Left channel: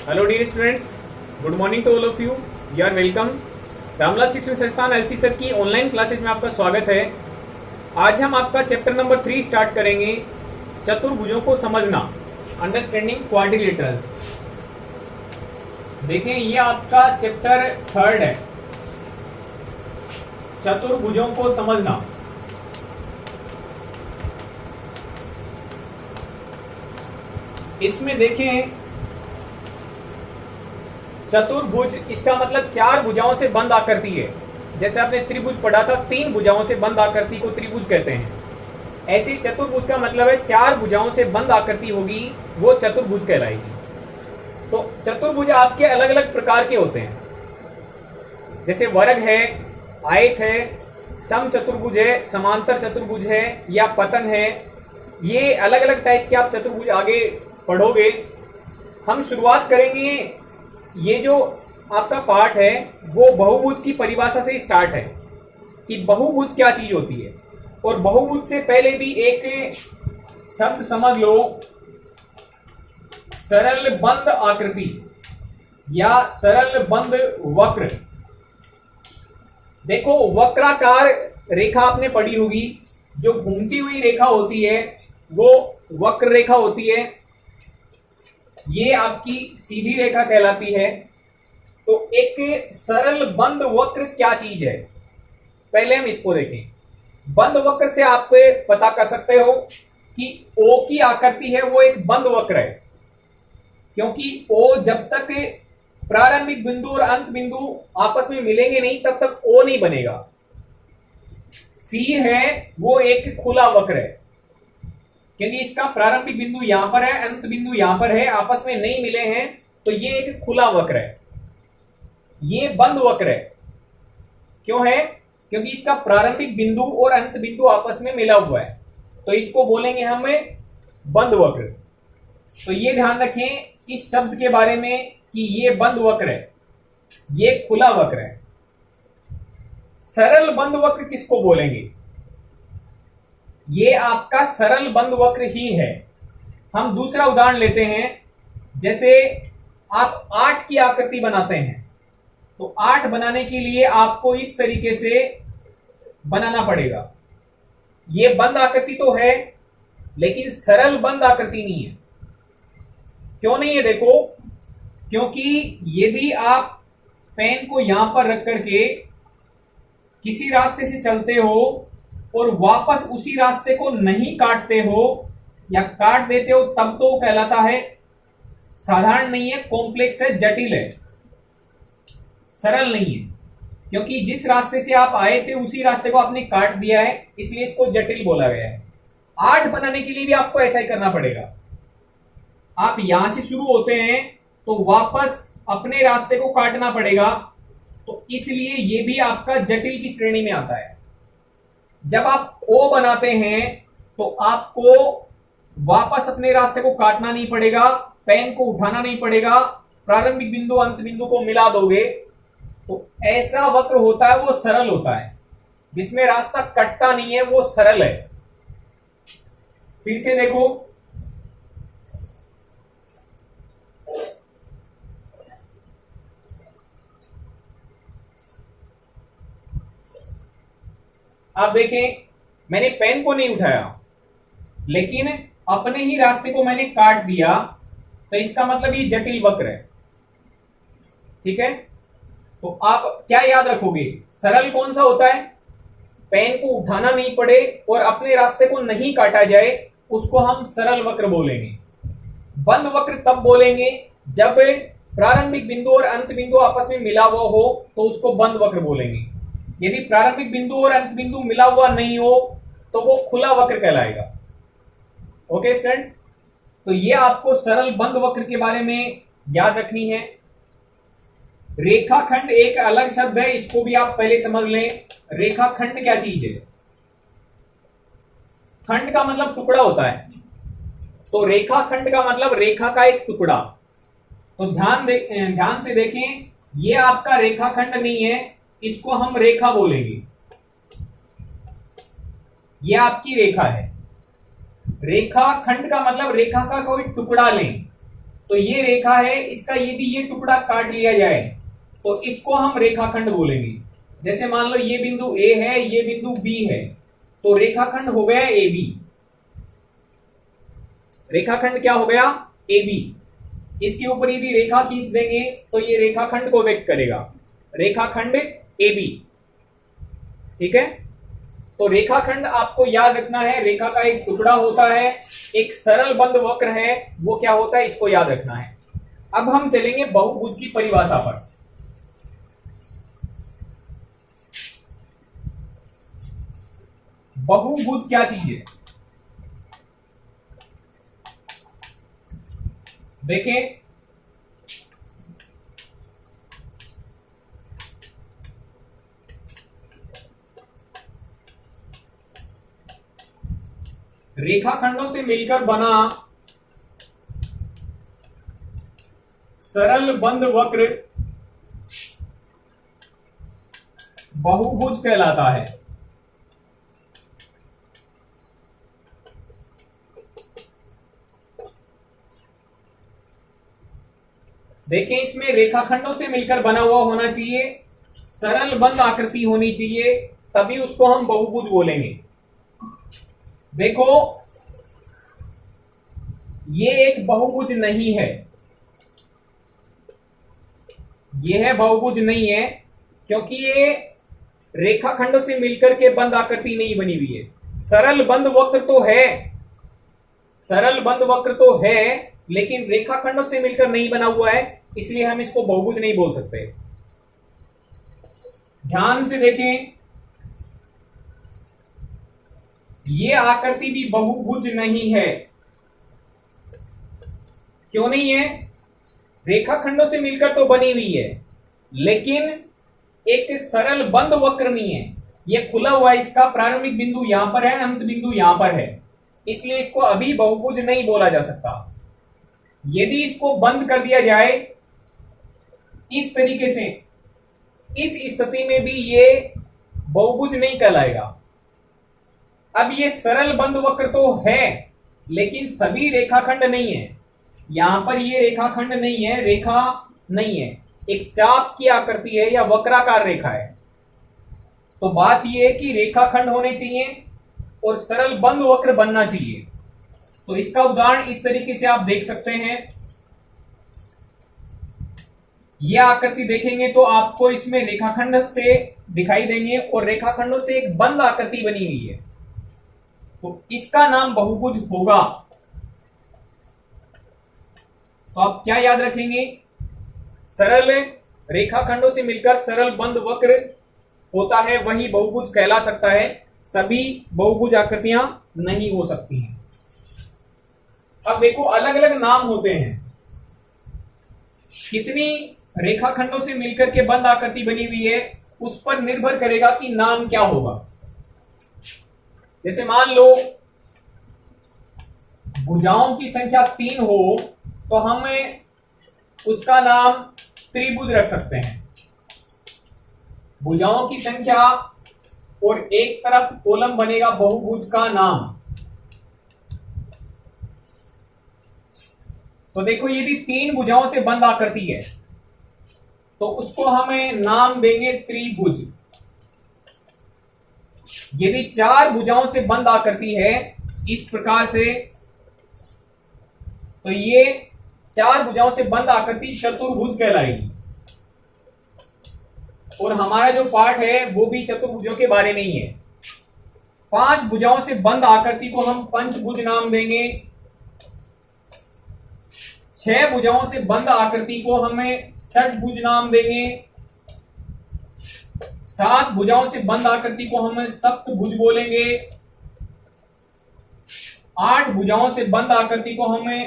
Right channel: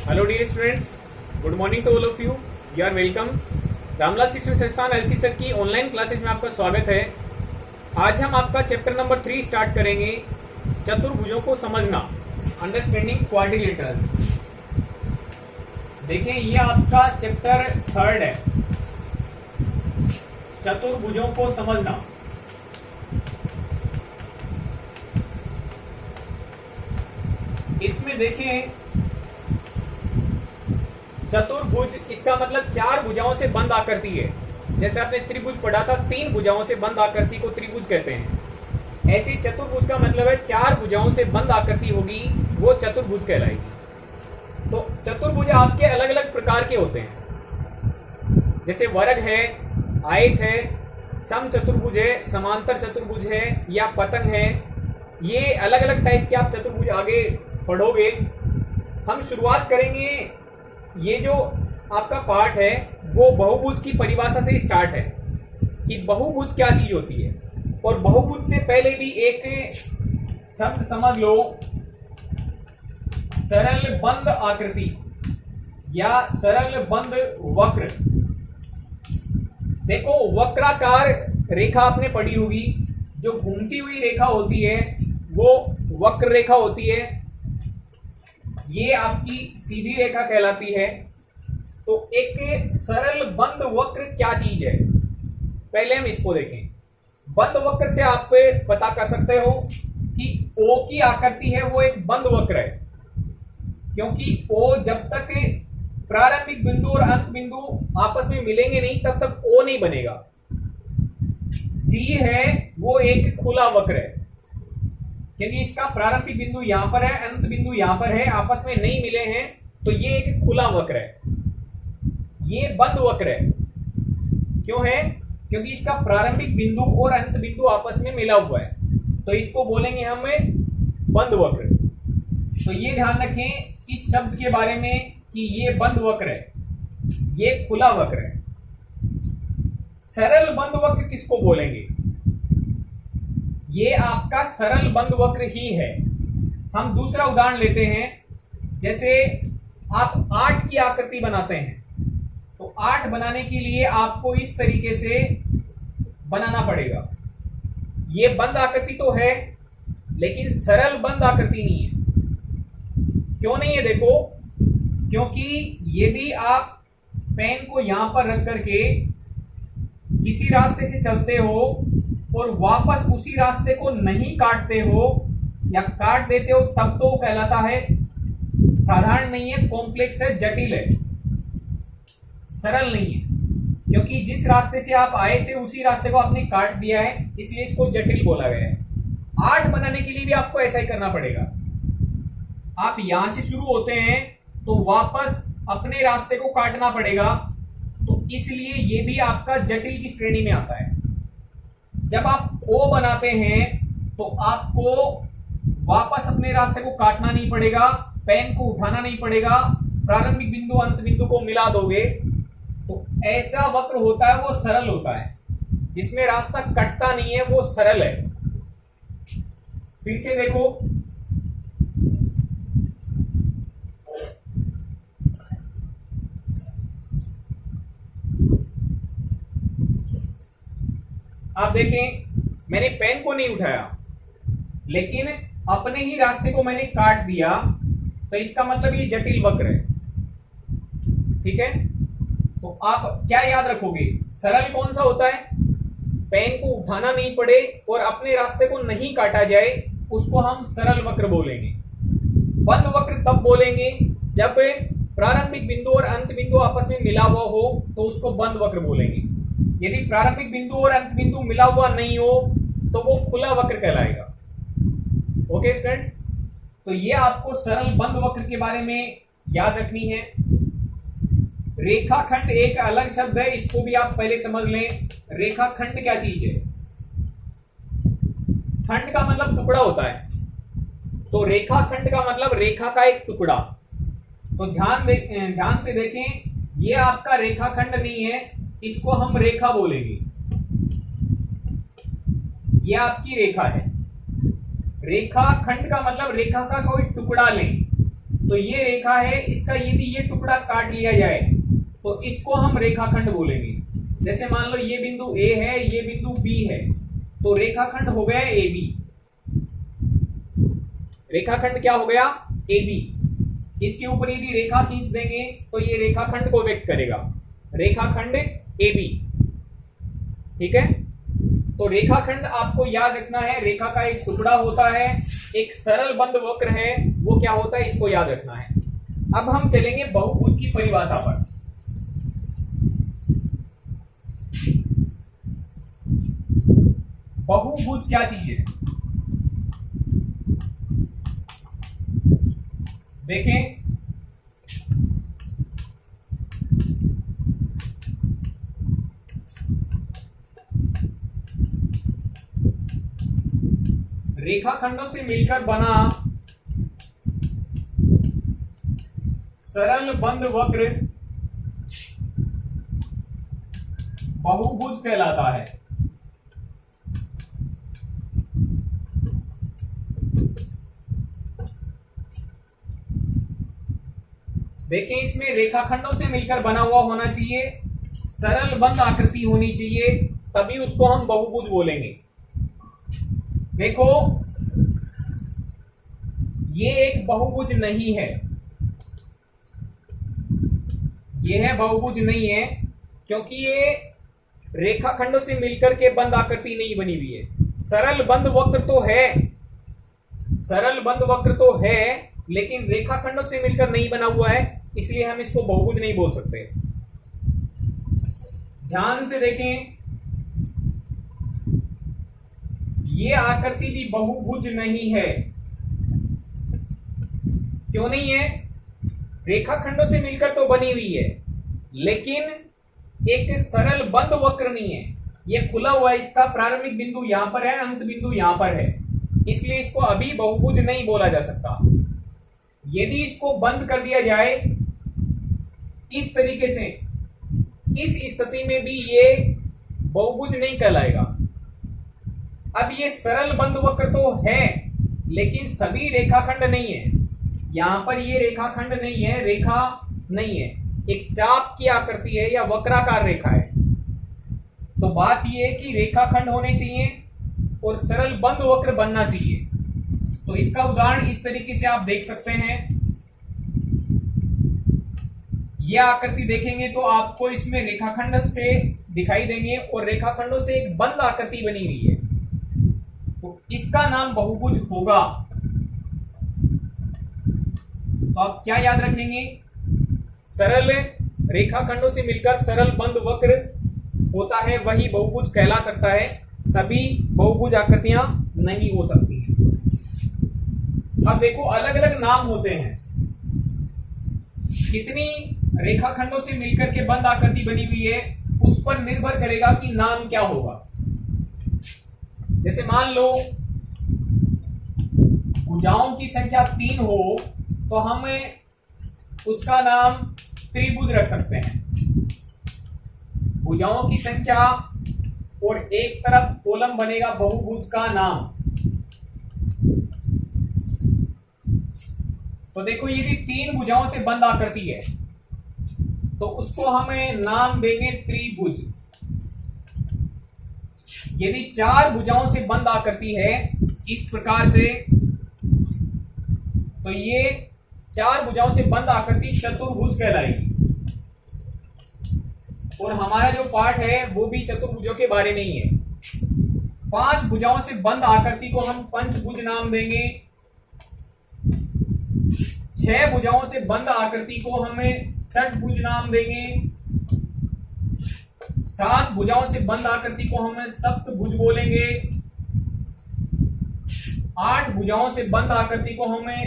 Hello dear students, good morning to all of you. You are welcome. Ramlal Shikshan Sansthan LC sir की online classes में आपका स्वागत है। आज हम आपका चैप्टर नंबर 3 स्टार्ट करेंगे, चतुर्भुजों को समझना, अंडरस्टैंडिंग क्वाड्रिलेटरल्स। देखें, ये आपका चैप्टर 3 है, चतुर्भुजों को समझना। इसमें देखें, चतुर्भुज इसका मतलब 4 भुजाओं से बंद आकृति है। जैसे आपने त्रिभुज पढ़ा था, 3 भुजाओं से बंद आकृति को त्रिभुज कहते हैं। ऐसे चतुर्भुज का मतलब है 4 भुजाओं से बंद आकृति होगी, वो चतुर्भुज कहलाएगी। तो चतुर्भुज आपके अलग अलग प्रकार के होते हैं, जैसे वर्ग है, आयत है, सम चतुर्भुज है, समांतर चतुर्भुज है या पतन है। ये अलग अलग टाइप के आप चतुर्भुज आगे पढ़ोगे। हम शुरुआत करेंगे, ये जो आपका पार्ट है वो बहुभुज की परिभाषा से स्टार्ट है कि बहुभुज क्या चीज होती है। और बहुभुज से पहले भी एक शब्द समझ लो, सरल बंद आकृति या सरल बंद वक्र। देखो, वक्राकार रेखा आपने पढ़ी होगी, जो घूमती हुई रेखा होती है वो वक्र रेखा होती है। ये आपकी सीधी रेखा कहलाती है। तो एक सरल बंद वक्र क्या चीज है, पहले हम इसको देखें। बंद वक्र से आप पता कर सकते हो कि ओ की आकृति है वो एक बंद वक्र है, क्योंकि ओ जब तक प्रारंभिक बिंदु और अंत बिंदु आपस में मिलेंगे नहीं तब तक ओ नहीं बनेगा। सी है वो एक खुला वक्र है, क्योंकि इसका प्रारंभिक बिंदु यहां पर है, अंत बिंदु यहां पर है, आपस में नहीं मिले हैं, तो ये एक खुला वक्र है। ये बंद वक्र है। क्यों है? क्योंकि इसका प्रारंभिक बिंदु और अंत बिंदु आपस में मिला हुआ है, तो इसको बोलेंगे हम बंद वक्र। तो ये ध्यान रखें इस शब्द के बारे में कि ये बंद वक्र है, ये खुला वक्र है। सरल बंद वक्र किसको बोलेंगे? ये आपका सरल बंद वक्र ही है। हम दूसरा उदाहरण लेते हैं। जैसे आप 8 की आकृति बनाते हैं, तो 8 बनाने के लिए आपको इस तरीके से बनाना पड़ेगा। ये बंद आकृति तो है, लेकिन सरल बंद आकृति नहीं है। क्यों नहीं है? देखो, क्योंकि यदि आप पेन को यहां पर रख करके किसी रास्ते से चलते हो और वापस उसी रास्ते को नहीं काटते हो या काट देते हो, तब तो कहलाता है साधारण नहीं है, कॉम्प्लेक्स है, जटिल है, सरल नहीं है। क्योंकि जिस रास्ते से आप आए थे उसी रास्ते को आपने काट दिया है, इसलिए इसको जटिल बोला गया है। 8 बनाने के लिए भी आपको ऐसा ही करना पड़ेगा। आप यहां से शुरू होते हैं तो वापस अपने रास्ते को काटना पड़ेगा, तो इसलिए ये भी आपका जटिल की श्रेणी में आता है। जब आप ओ बनाते हैं तो आपको वापस अपने रास्ते को काटना नहीं पड़ेगा, पेन को उठाना नहीं पड़ेगा, प्रारंभिक बिंदु अंत बिंदु को मिला दोगे, तो ऐसा वक्र होता है वो सरल होता है। जिसमें रास्ता कटता नहीं है वो सरल है। फिर से देखो, आप देखें, मैंने पेन को नहीं उठाया लेकिन अपने ही रास्ते को मैंने काट दिया, तो इसका मतलब ये जटिल वक्र है। ठीक है? तो आप क्या याद रखोगे? सरल कौन सा होता है? पेन को उठाना नहीं पड़े और अपने रास्ते को नहीं काटा जाए, उसको हम सरल वक्र बोलेंगे। बंद वक्र तब बोलेंगे जब प्रारंभिक बिंदु और अंत बिंदु आपस में मिला हुआ हो, तो उसको बंद वक्र बोलेंगे। यदि प्रारंभिक बिंदु और अंत बिंदु मिला हुआ नहीं हो तो वो खुला वक्र कहलाएगा। ओके स्टूडेंट्स, तो ये आपको सरल बंद वक्र के बारे में याद रखनी है। रेखाखंड एक अलग शब्द है, इसको भी आप पहले समझ लें। रेखाखंड क्या चीज है? खंड का मतलब टुकड़ा होता है, तो रेखाखंड का मतलब रेखा का एक टुकड़ा। तो ध्यान से देखें, ये आपका रेखाखंड नहीं है, इसको हम रेखा बोलेंगे। ये आपकी रेखा है। रेखा खंड का मतलब रेखा का कोई टुकड़ा लें, तो ये रेखा है, इसका यदि ये टुकड़ा काट लिया जाए तो इसको हम रेखाखंड बोलेंगे। जैसे मान लो ये बिंदु ए है, ये बिंदु बी है, तो रेखाखंड हो गया ए बी। रेखाखंड क्या हो गया? A B. इसके ऊपर यदि रेखा खींच देंगे तो ये रेखाखंड को व्यक्त करेगा, रेखाखंड ए बी। ठीक है, तो रेखाखंड आपको याद रखना है, रेखा का एक टुकड़ा होता है, एक सरल बंद वक्र है, वो क्या होता है इसको याद रखना है। अब हम चलेंगे बहुभुज की परिभाषा पर। बहुभुज क्या चीज है? देखें, रेखाखंडों से मिलकर बना सरल बंद वक्र बहुभुज कहलाता है। देखें, इसमें रेखाखंडों से मिलकर बना हुआ होना चाहिए, सरल बंद आकृति होनी चाहिए, तभी उसको हम बहुभुज बोलेंगे। देखो, ये एक बहुभुज नहीं है, ये है बहुभुज नहीं है, क्योंकि ये रेखाखंडों से मिलकर के बंद आकृति नहीं बनी हुई है। सरल बंद वक्र तो है, सरल बंद वक्र तो है, लेकिन रेखाखंडों से मिलकर नहीं बना हुआ है, इसलिए हम इसको बहुभुज नहीं बोल सकते। ध्यान से देखें, ये आकृति भी बहुभुज नहीं है। क्यों नहीं है? रेखाखंडों से मिलकर तो बनी हुई है, लेकिन एक सरल बंद वक्र नहीं है, ये खुला हुआ है, इसका प्रारंभिक बिंदु यहां पर है, अंत बिंदु यहां पर है, इसलिए इसको अभी बहुभुज नहीं बोला जा सकता। यदि इसको बंद कर दिया जाए इस तरीके से, इस स्थिति में भी ये बहुभुज नहीं कहलाएगा। अब ये सरल बंद वक्र तो है, लेकिन सभी रेखाखंड नहीं है। यहां पर ये रेखाखंड नहीं है, रेखा नहीं है, एक चाप की आकृति है या वक्राकार रेखा है। तो बात यह है कि रेखाखंड होने चाहिए और सरल बंद वक्र बनना चाहिए। तो इसका उदाहरण इस तरीके से आप देख सकते हैं। यह आकृति देखेंगे तो आपको इसमें रेखाखंड से दिखाई देंगे और रेखाखंडों से एक बंद आकृति बनी हुई है, तो इसका नाम बहुभुज होगा। तो आप क्या याद रखेंगे? सरल रेखाखंडों से मिलकर सरल बंद वक्र होता है, वही बहुभुज कहला सकता है, सभी बहुभुज आकृतियां नहीं हो सकती हैं। अब देखो, अलग अलग नाम होते हैं। कितनी रेखाखंडों से मिलकर के बंद आकृति बनी हुई है उस पर निर्भर करेगा कि नाम क्या होगा। जैसे मान लो भुजाओं की संख्या 3 हो तो हम उसका नाम त्रिभुज रख सकते हैं। भुजाओं की संख्या और एक तरफ कॉलम बनेगा बहुभुज का नाम। तो देखो, यदि 3 भुजाओं से बंद आकृति है तो उसको हमें नाम देंगे त्रिभुज। यदि 4 भुजाओं से बंद आकृति है इस प्रकार से, तो ये 4 भुजाओं से बंद आकृति चतुर्भुज कहलाएगी। और हमारा जो पाठ है वो भी चतुर्भुजों के बारे में ही है। 5 भुजाओं से बंद आकृति को हम पंचभुज नाम देंगे। 6 भुजाओं से बंद आकृति को हमें षटभुज नाम देंगे। 7 भुजाओं से बंद आकृति को हम सप्तभुज बोलेंगे। 8 भुजाओं से बंद आकृति को हमें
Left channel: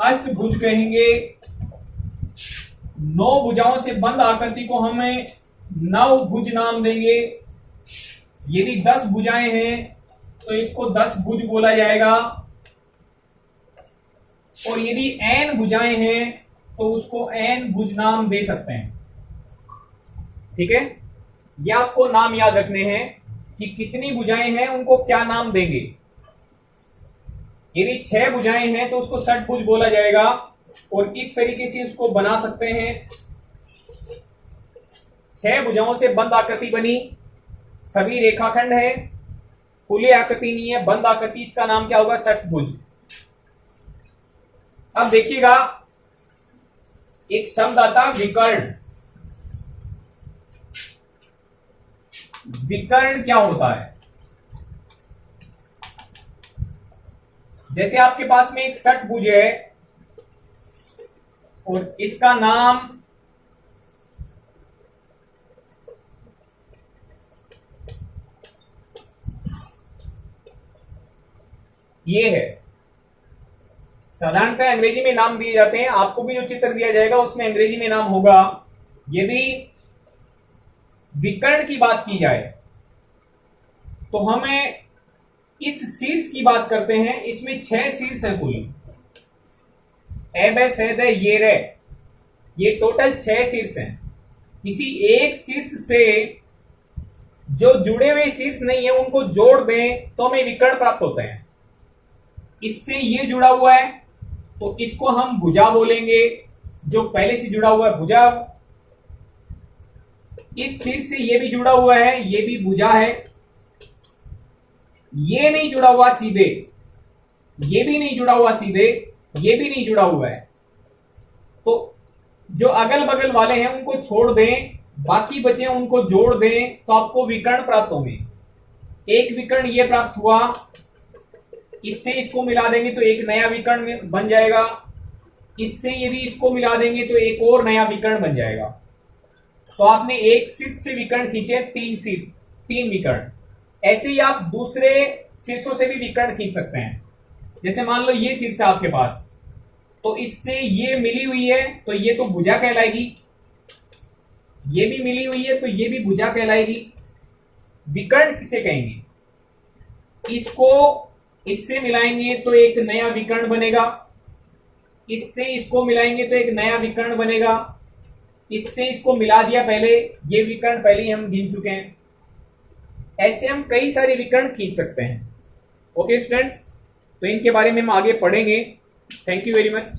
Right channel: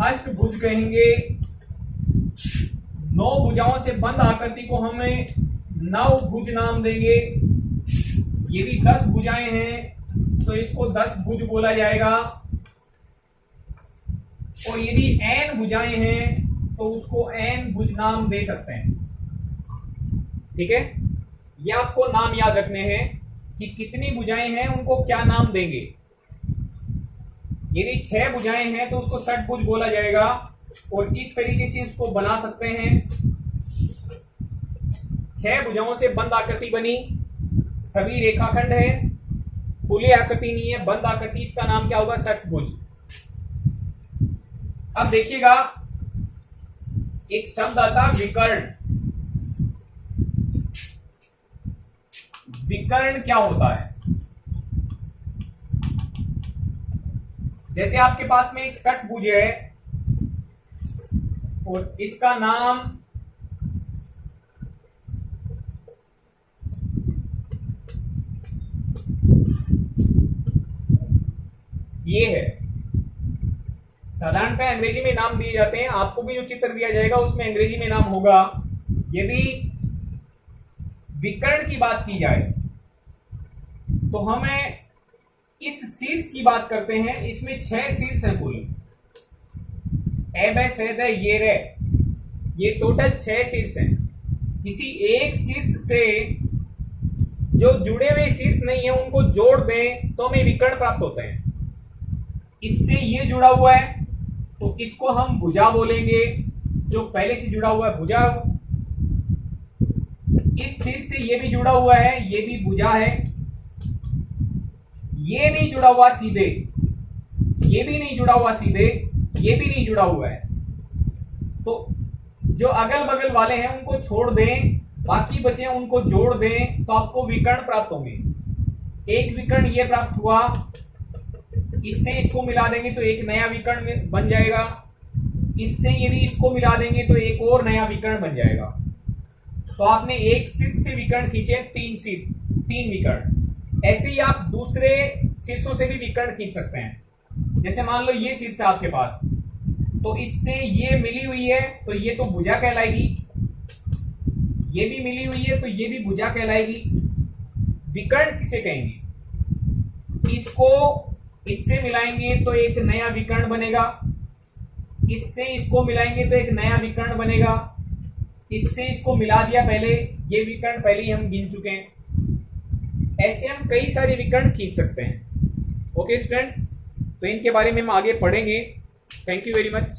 अष्टभुज कहेंगे। 9 भुजाओं से बंद आकृति को हमें नवभुज नाम देंगे। यदि 10 भुजाएं हैं तो इसको 10 भुज बोला जाएगा। और यदि n भुजाएं हैं तो उसको n भुज नाम दे सकते हैं। ठीक है, ये आपको नाम याद रखने हैं कि कितनी भुजाएं हैं उनको क्या नाम देंगे। यदि 6 भुजाएं हैं तो उसको षटभुज बोला जाएगा। और इस तरीके से इसको बना सकते हैं। 6 भुजाओं से बंद आकृति बनी, सभी रेखाखंड है, खुली आकृति नहीं है, बंद आकृति, इसका नाम क्या होगा? षटभुज। अब देखिएगा एक शब्द आता विकर्ण। विकर्ण क्या होता है? जैसे आपके पास में एक षटभुज है और इसका नाम ये है। साधारणतः अंग्रेजी में नाम दिए जाते हैं, आपको भी जो चित्र दिया जाएगा उसमें अंग्रेजी में नाम होगा। यदि विकर्ण की बात की जाए तो हमें इस शीर्ष की बात करते हैं। इसमें 6 शीर्ष है कुल, ए बे से दे ये रे, ये टोटल 6 शीर्ष हैं। किसी एक शीर्ष से जो जुड़े हुए शीर्ष नहीं है उनको जोड़ दें तो हमें विकर्ण प्राप्त होते हैं। इससे ये जुड़ा हुआ है तो इसको हम भुजा बोलेंगे, जो पहले से जुड़ा हुआ है भुजा। इस शीर्ष से ये भी जुड़ा हुआ है, ये भी भुजा है। ये नहीं जुड़ा हुआ सीधे, ये भी नहीं जुड़ा हुआ सीधे, ये भी नहीं जुड़ा हुआ है, तो जो अगल बगल वाले हैं उनको छोड़ दें, बाकी बचे उनको जोड़ दें तो आपको विकर्ण प्राप्त होंगे। एक विकर्ण ये प्राप्त हुआ, इससे इसको मिला देंगे तो एक नया विकर्ण बन जाएगा। इससे यदि इसको मिला देंगे तो एक और नया विकर्ण बन जाएगा। तो आपने एक शीर्ष से विकर्ण खींचे, 3 विकर्ण। ऐसे ही आप दूसरे शीर्षों से भी विकर्ण खींच सकते हैं। जैसे मान लो ये शीर्ष है आपके पास, तो इससे ये मिली हुई है तो ये तो भुजा कहलाएगी, ये भी मिली हुई है तो ये भी भुजा कहलाएगी। विकर्ण किसे कहेंगे? इसको इससे मिलाएंगे तो एक नया विकर्ण बनेगा, इससे इसको मिलाएंगे तो एक नया विकर्ण बनेगा, इससे इसको मिला दिया पहले, ये विकर्ण पहले ही हम गिन चुके हैं। ऐसे हम कई सारे विकर्ण खींच सकते हैं। ओके स्टूडेंट्स, तो इनके बारे में हम आगे पढ़ेंगे। Thank you very much.